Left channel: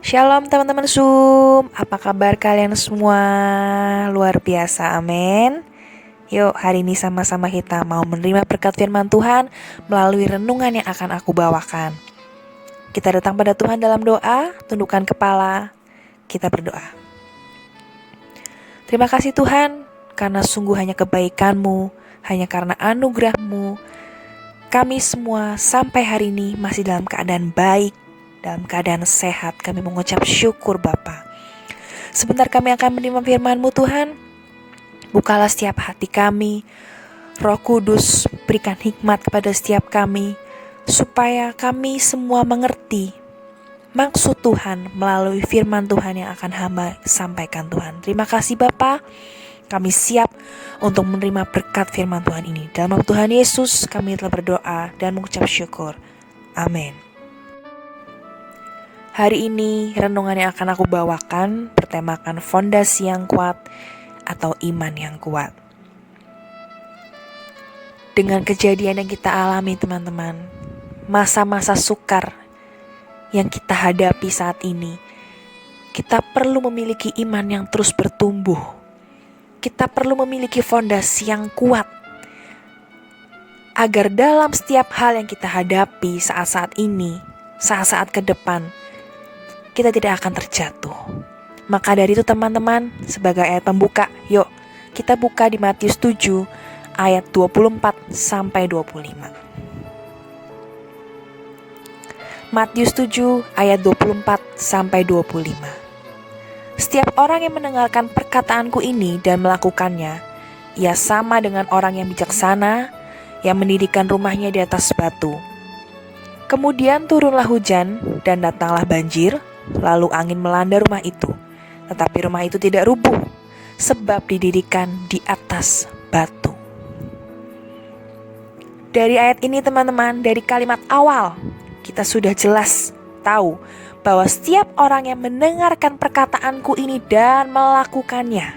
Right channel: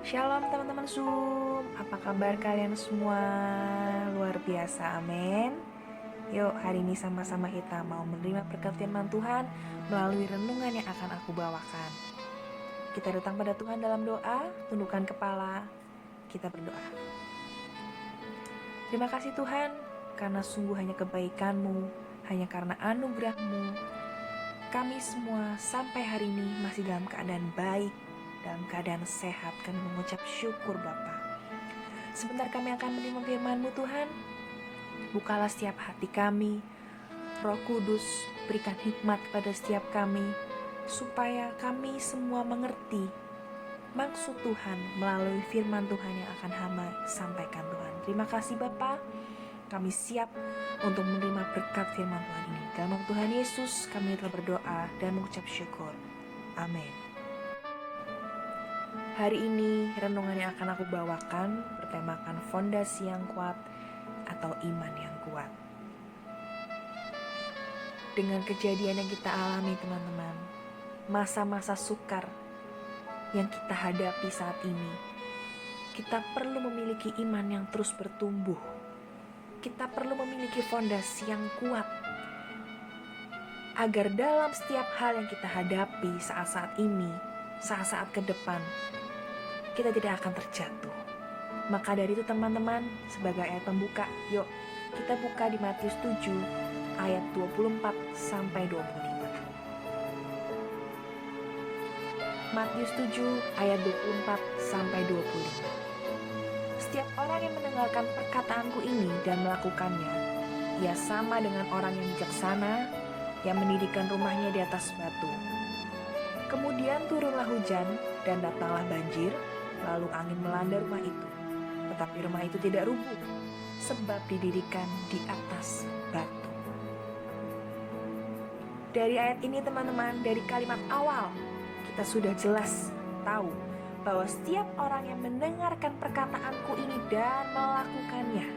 Shalom teman-teman Zoom, apa kabar kalian semua? Luar biasa, amin. Yuk hari ini sama-sama kita mau menerima berkat firman Tuhan melalui renungan yang akan aku bawakan. Kita datang pada Tuhan dalam doa, tundukkan kepala, kita berdoa. Terima kasih Tuhan, karena sungguh hanya kebaikan-Mu, hanya karena anugerah-Mu, kami semua sampai hari ini masih dalam keadaan baik, dalam keadaan sehat. Kami mengucap syukur Bapa. Sebentar kami akan menerima firman-Mu Tuhan. Bukalah setiap hati kami. Roh Kudus berikan hikmat kepada setiap kami, supaya kami semua mengerti maksud Tuhan melalui firman Tuhan yang akan hamba sampaikan Tuhan. Terima kasih Bapa. Kami siap untuk menerima berkat firman Tuhan ini. Dalam nama Tuhan Yesus kami telah berdoa dan mengucap syukur. Amin. Hari ini renungan yang akan aku bawakan bertemakan fondasi yang kuat atau iman yang kuat. Dengan kejadian yang kita alami teman-teman, masa-masa sukar yang kita hadapi saat ini, kita perlu memiliki iman yang terus bertumbuh. Kita perlu memiliki fondasi yang kuat agar dalam setiap hal yang kita hadapi saat-saat ini, saat-saat ke depan, kita tidak akan terjatuh. Maka dari itu teman-teman, sebagai ayat pembuka, yuk kita buka di Matius 7 ayat 24 sampai 25. Matius 7 ayat 24 sampai 25. Setiap orang yang mendengarkan perkataanku ini dan melakukannya, ia sama dengan orang yang bijaksana yang mendirikan rumahnya di atas batu. Kemudian turunlah hujan dan datanglah banjir, lalu angin melanda rumah itu. Tetapi rumah itu tidak rubuh, sebab didirikan di atas batu. Dari ayat ini teman-teman, dari kalimat awal, kita sudah jelas tahu bahwa setiap orang yang mendengarkan perkataanku ini dan melakukannya.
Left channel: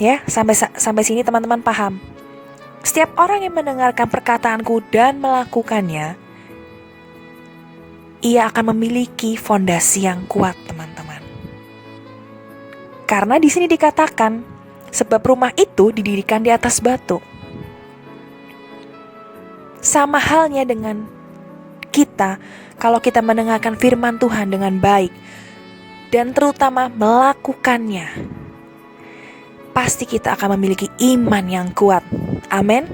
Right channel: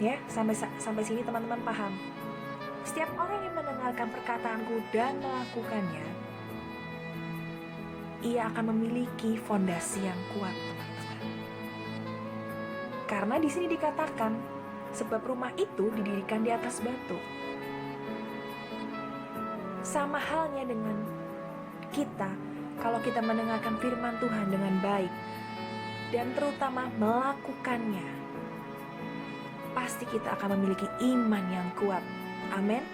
Ya, sampai sini teman-teman paham. Setiap orang yang mendengarkan perkataanku dan melakukannya, ia akan memiliki fondasi yang kuat, teman-teman. Karena di sini dikatakan, sebab rumah itu didirikan di atas batu. Sama halnya dengan kita, kalau kita mendengarkan firman Tuhan dengan baik dan terutama melakukannya, pasti kita akan memiliki iman yang kuat. Amin.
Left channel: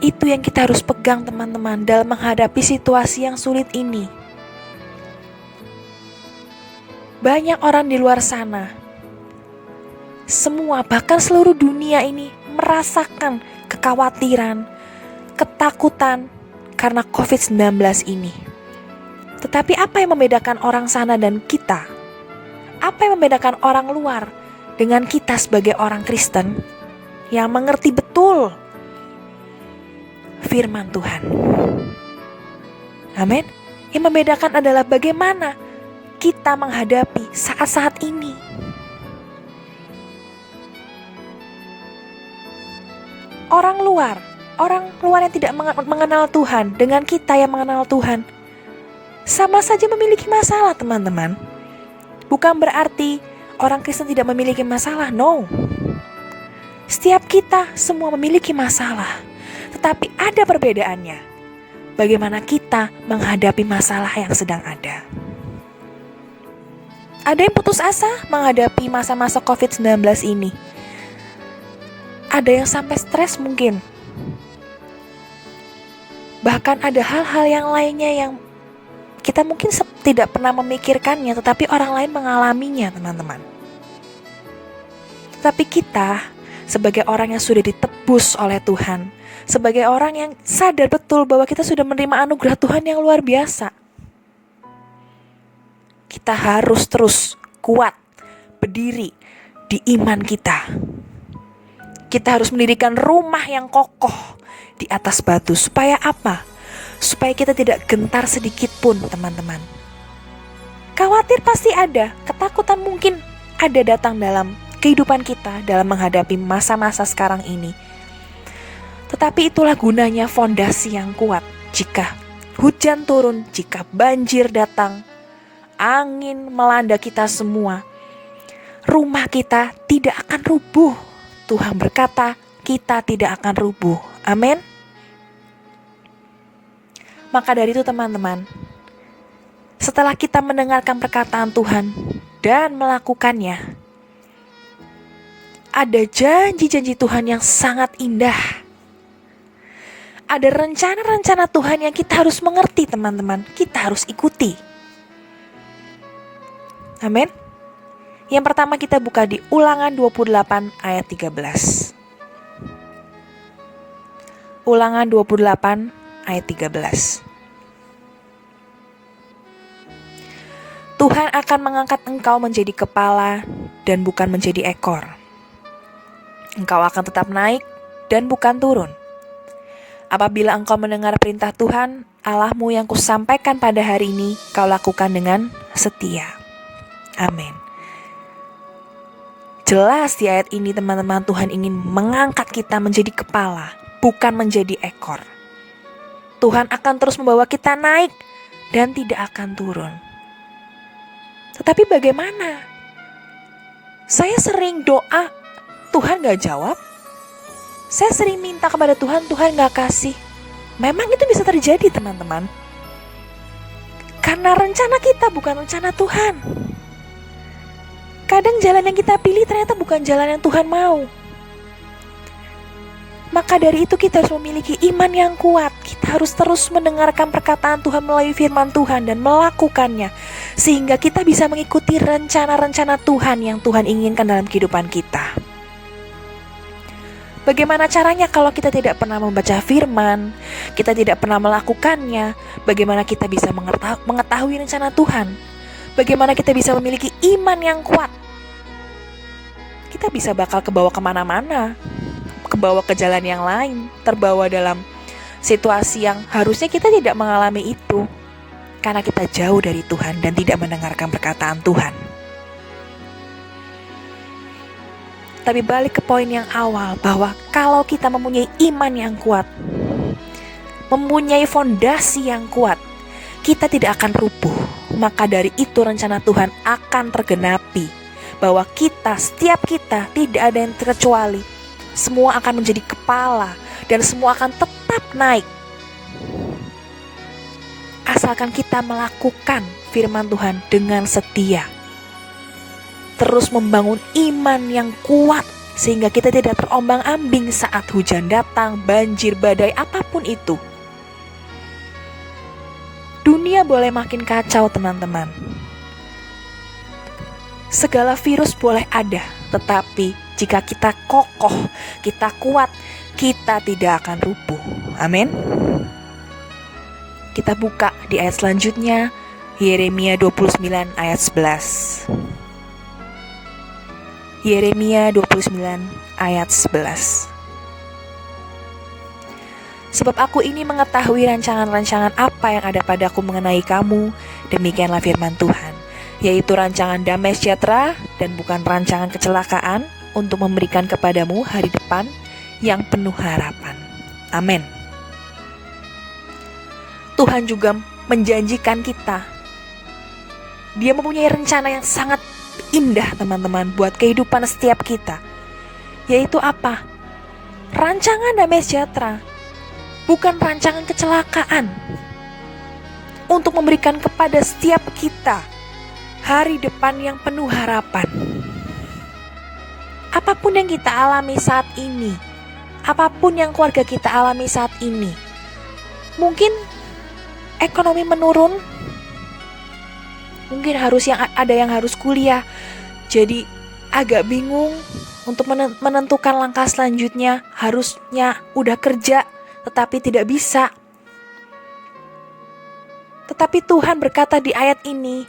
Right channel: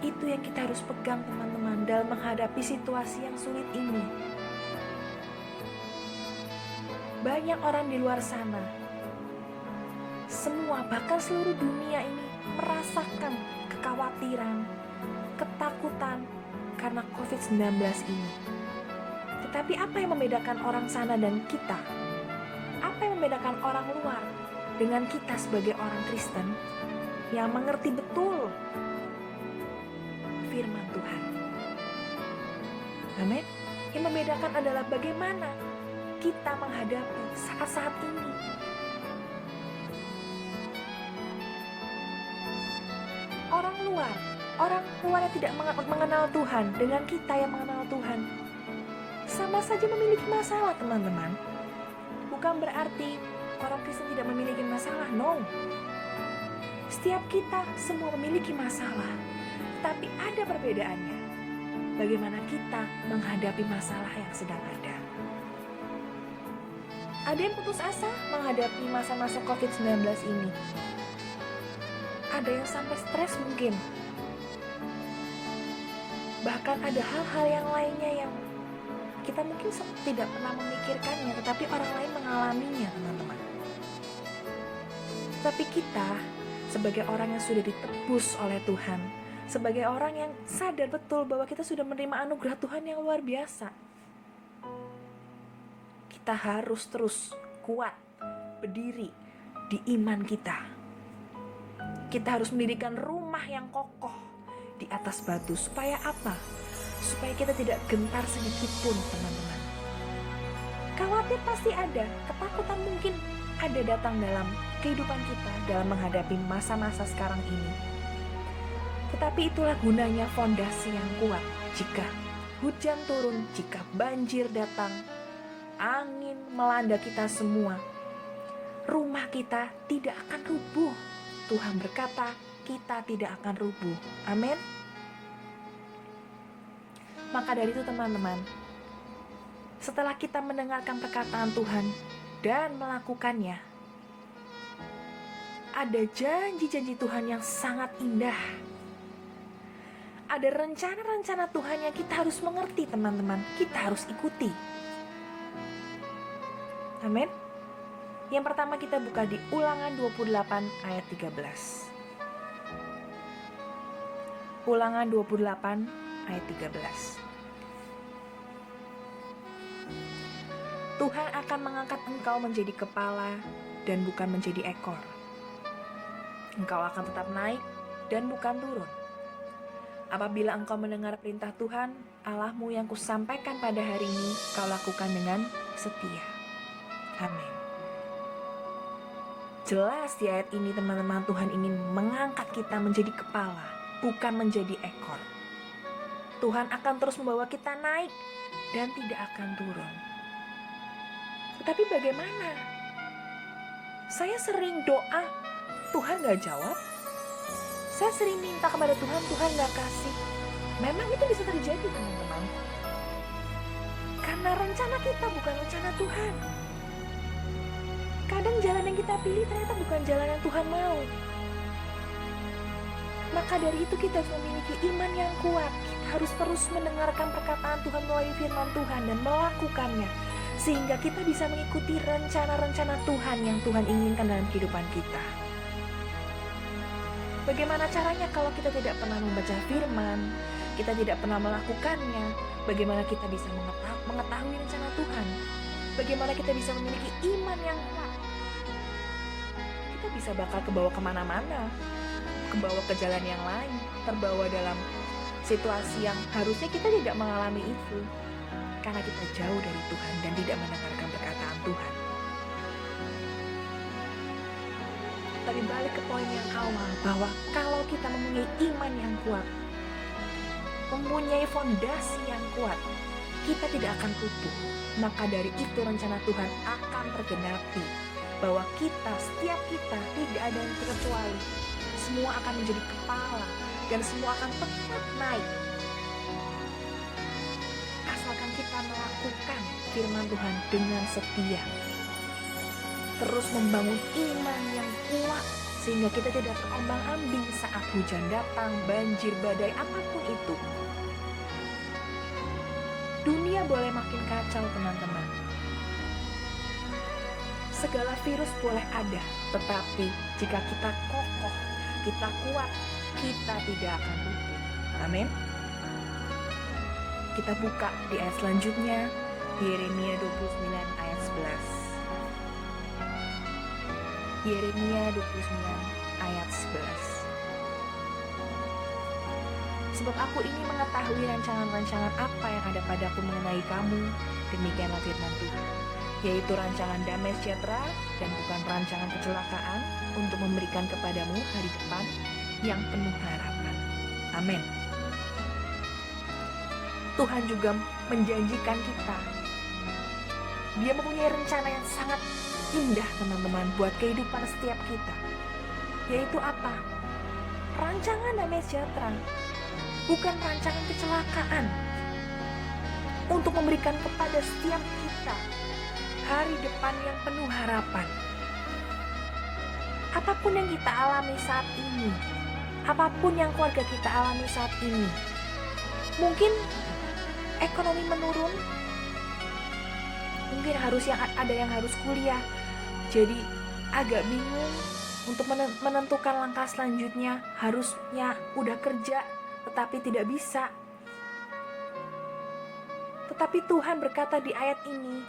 Itu yang kita harus pegang teman-teman dalam menghadapi situasi yang sulit ini. Banyak orang di luar sana, semua bahkan seluruh dunia ini merasakan kekhawatiran, ketakutan karena COVID-19 ini. Tetapi apa yang membedakan orang sana dan kita? Apa yang membedakan orang luar dengan kita sebagai orang Kristen yang mengerti betul firman Tuhan? Amin. Yang membedakan adalah bagaimana kita menghadapi saat-saat ini. Orang luar yang tidak mengenal Tuhan dengan kita yang mengenal Tuhan, sama saja memiliki masalah teman-teman. Bukan berarti orang Kristen tidak memiliki masalah, no. Setiap kita semua memiliki masalah, tetapi ada perbedaannya. Bagaimana kita menghadapi masalah yang sedang ada. Ada yang putus asa menghadapi masa-masa COVID-19 ini. Ada yang sampai stres mungkin. Bahkan ada hal-hal yang lainnya yang kita mungkin tidak pernah memikirkannya, tetapi orang lain mengalaminya, teman-teman. Tetapi kita, sebagai orang yang sudah ditebus oleh Tuhan, sebagai orang yang sadar betul bahwa kita sudah menerima anugerah Tuhan yang luar biasa, kita harus terus kuat, berdiri di iman kita. Kita harus mendirikan rumah yang kokoh di atas batu. Supaya apa? Supaya kita tidak gentar sedikit pun, teman-teman. Khawatir pasti ada, ketakutan mungkin ada datang dalam kehidupan kita dalam menghadapi masa-masa sekarang ini. Tetapi itulah gunanya fondasi yang kuat. Jika hujan turun, jika banjir datang, angin melanda kita semua, rumah kita tidak akan rubuh. Tuhan berkata, kita tidak akan rubuh. Amin. Maka dari itu teman-teman, setelah kita mendengarkan perkataan Tuhan dan melakukannya, ada janji-janji Tuhan yang sangat indah. Ada rencana-rencana Tuhan yang kita harus mengerti teman-teman, kita harus ikuti. Amin. Yang pertama kita buka di Ulangan 28 ayat 13. Ulangan 28 ayat 13. Tuhan akan mengangkat engkau menjadi kepala dan bukan menjadi ekor. Engkau akan tetap naik dan bukan turun. Apabila engkau mendengar perintah Tuhan Allahmu yang kusampaikan pada hari ini, kau lakukan dengan setia. Amin. Jelas di ayat ini teman-teman, Tuhan ingin mengangkat kita menjadi kepala, bukan menjadi ekor. Tuhan akan terus membawa kita naik dan tidak akan turun. Tetapi bagaimana? Saya sering doa, Tuhan gak jawab. Saya sering minta kepada Tuhan, Tuhan gak kasih. Memang itu bisa terjadi teman-teman. Karena rencana kita bukan rencana Tuhan. Kadang jalan yang kita pilih ternyata bukan jalan yang Tuhan mau. Maka dari itu kita harus memiliki iman yang kuat. Kita harus terus mendengarkan perkataan Tuhan melalui firman Tuhan dan melakukannya. Sehingga kita bisa mengikuti rencana-rencana Tuhan yang Tuhan inginkan dalam kehidupan kita. Bagaimana caranya kalau kita tidak pernah membaca firman, kita tidak pernah melakukannya? Bagaimana kita bisa mengetahui rencana Tuhan? Bagaimana kita bisa memiliki iman yang kuat? Kita bisa bakal kebawa kemana-mana, kebawa ke jalan yang lain, terbawa dalam situasi yang harusnya kita tidak mengalami itu, karena kita jauh dari Tuhan dan tidak mendengarkan perkataan Tuhan. Tapi balik ke poin yang awal, bahwa kalau kita mempunyai iman yang kuat, mempunyai fondasi yang kuat, kita tidak akan rubuh. Maka dari itu rencana Tuhan akan tergenapi, bahwa kita, setiap kita, tidak ada yang terkecuali. Semua akan menjadi kepala dan semua akan tetap naik. Asalkan kita melakukan firman Tuhan dengan setia. Terus membangun iman yang kuat sehingga kita tidak terombang-ambing saat hujan datang, banjir, badai, apapun itu. Dunia boleh makin kacau teman-teman. Segala virus boleh ada, tetapi jika kita kokoh, kita kuat, kita tidak akan rubuh. Amin. Kita buka di ayat selanjutnya, Yeremia 29 ayat 11. Yeremia 29 ayat 11. Sebab aku ini mengetahui rancangan-rancangan apa yang ada padaku mengenai kamu, demikianlah firman Tuhan, yaitu rancangan damai sejahtera dan bukan rancangan kecelakaan, untuk memberikan kepadamu hari depan yang penuh harapan. Amin. Tuhan juga menjanjikan kita, Dia mempunyai rencana yang sangat indah teman-teman buat kehidupan setiap kita. Yaitu apa? Rancangan damai sejahtera, bukan rancangan kecelakaan, untuk memberikan kepada setiap kita hari depan yang penuh harapan. Apapun yang kita alami saat ini, apapun yang keluarga kita alami saat ini, mungkin ekonomi menurun, mungkin ada yang harus kuliah, jadi agak bingung untuk menentukan langkah selanjutnya. Harusnya udah kerja tetapi tidak bisa. Tetapi Tuhan berkata di ayat ini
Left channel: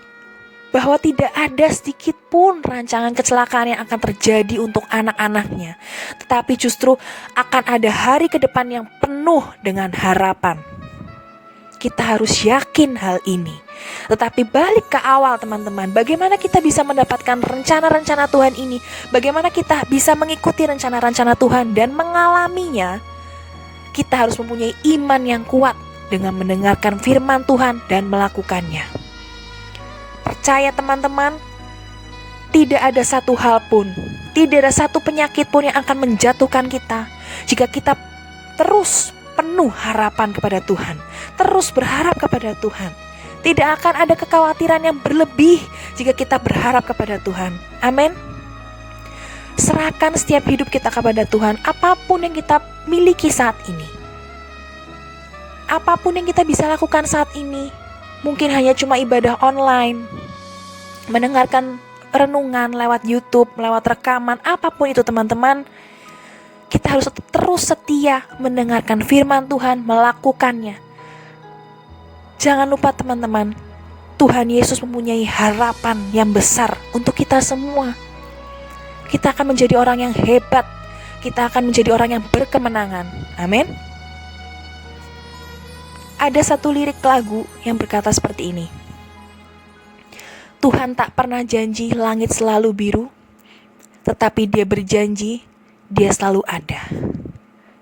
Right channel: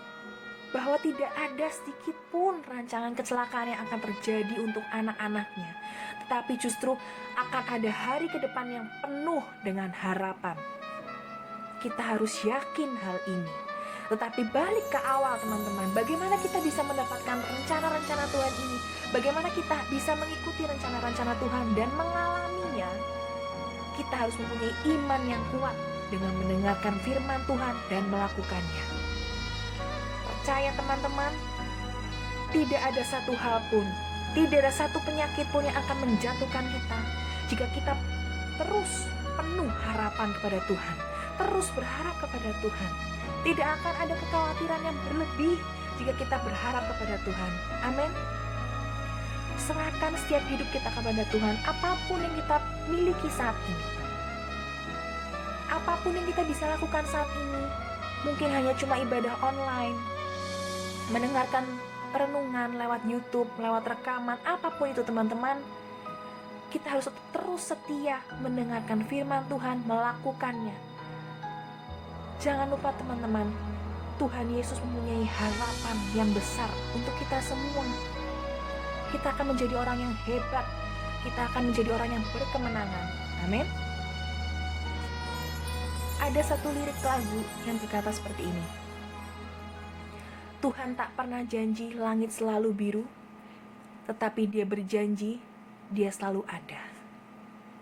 bahwa tidak ada sedikit pun rancangan kecelakaan yang akan terjadi untuk anak-anaknya, tetapi justru akan ada hari ke depan yang penuh dengan harapan. Kita harus yakin hal ini. Tetapi balik ke awal teman-teman, bagaimana kita bisa mendapatkan rencana-rencana Tuhan ini? Bagaimana kita bisa mengikuti rencana-rencana Tuhan dan mengalaminya? Kita harus mempunyai iman yang kuat. dengan mendengarkan firman Tuhan dan melakukannya. Percaya teman-teman, tidak ada satu hal pun, tidak ada satu penyakit pun yang akan menjatuhkan kita jika kita terus penuh harapan kepada Tuhan, terus berharap kepada Tuhan. Tidak akan ada kekhawatiran yang berlebih jika kita berharap kepada Tuhan. Amin. Serahkan setiap hidup kita kepada Tuhan, apapun yang kita miliki saat ini. Apapun yang kita bisa lakukan saat ini, mungkin hanya cuma ibadah online, mendengarkan renungan lewat YouTube, lewat rekaman, apapun itu teman-teman. Kita harus terus setia mendengarkan firman Tuhan, melakukannya. Jangan lupa teman-teman, Tuhan Yesus mempunyai harapan yang besar untuk kita semua. Kita akan menjadi orang yang hebat, kita akan menjadi orang yang berkemenangan. Amin. Ada satu lirik lagu yang berkata seperti ini. Tuhan tak pernah janji langit selalu biru, tetapi Dia berjanji Dia selalu ada.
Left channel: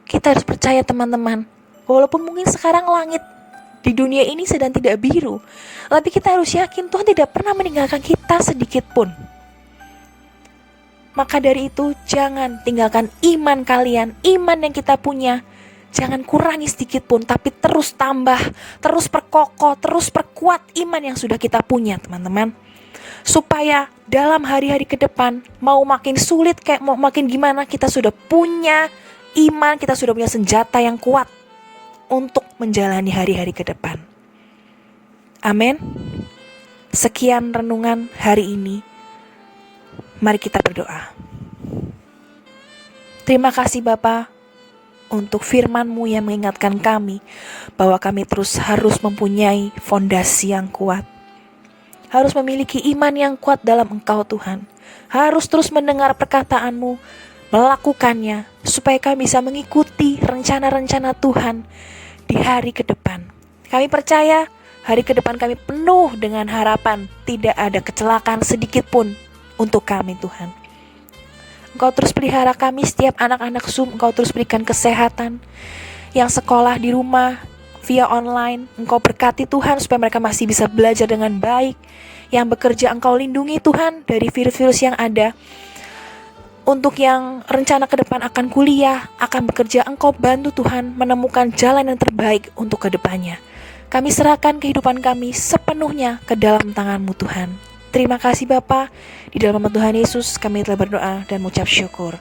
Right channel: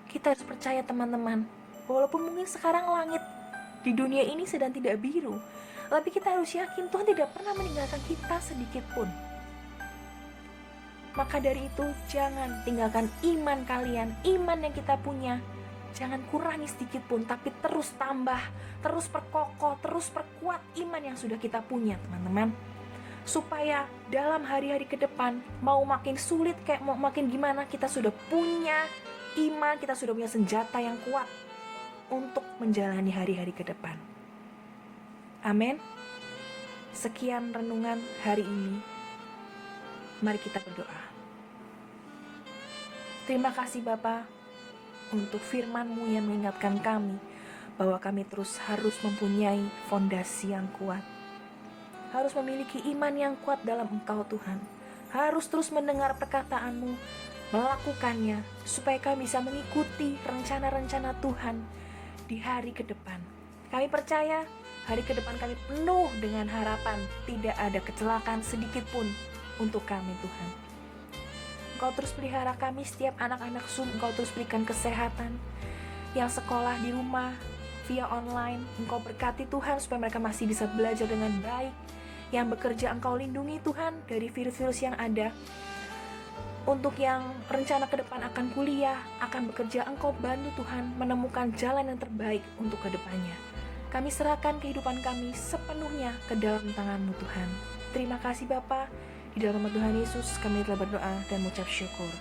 Kita harus percaya teman-teman, walaupun mungkin sekarang langit di dunia ini sedang tidak biru, tapi kita harus yakin Tuhan tidak pernah meninggalkan kita sedikit pun. Maka dari itu jangan tinggalkan iman kalian, iman yang kita punya. Jangan kurangi sedikit pun, tapi terus tambah, terus perkokoh, terus perkuat iman yang sudah kita punya teman-teman. Supaya dalam hari-hari ke depan, mau makin sulit kayak mau makin gimana, kita sudah punya iman, kita sudah punya senjata yang kuat untuk menjalani hari-hari ke depan. Amin. Sekian renungan hari ini. Mari kita berdoa. Terima kasih Bapa untuk firman-Mu yang mengingatkan kami bahwa kami terus harus mempunyai fondasi yang kuat. Harus memiliki iman yang kuat dalam Engkau Tuhan. Harus terus mendengar perkataan-Mu, melakukannya, supaya kami bisa mengikuti rencana-rencana Tuhan di hari ke depan. Kami percaya hari ke depan kami penuh dengan harapan, tidak ada kecelakaan sedikit pun untuk kami Tuhan. Engkau terus pelihara kami setiap anak-anak Zoom, Engkau terus berikan kesehatan, yang sekolah di rumah, via online, Engkau berkati Tuhan supaya mereka masih bisa belajar dengan baik. Yang bekerja Engkau lindungi Tuhan dari virus-virus yang ada. Untuk yang rencana ke depan akan kuliah, akan bekerja, Engkau bantu Tuhan menemukan jalan yang terbaik untuk ke depannya. Kami serahkan kehidupan kami sepenuhnya ke dalam tangan-Mu Tuhan. Terima kasih Bapa. Di dalam nama Tuhan Yesus kami telah berdoa dan mengucap syukur.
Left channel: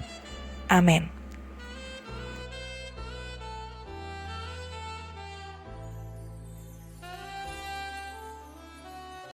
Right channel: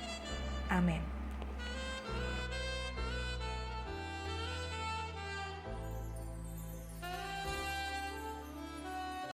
Amin.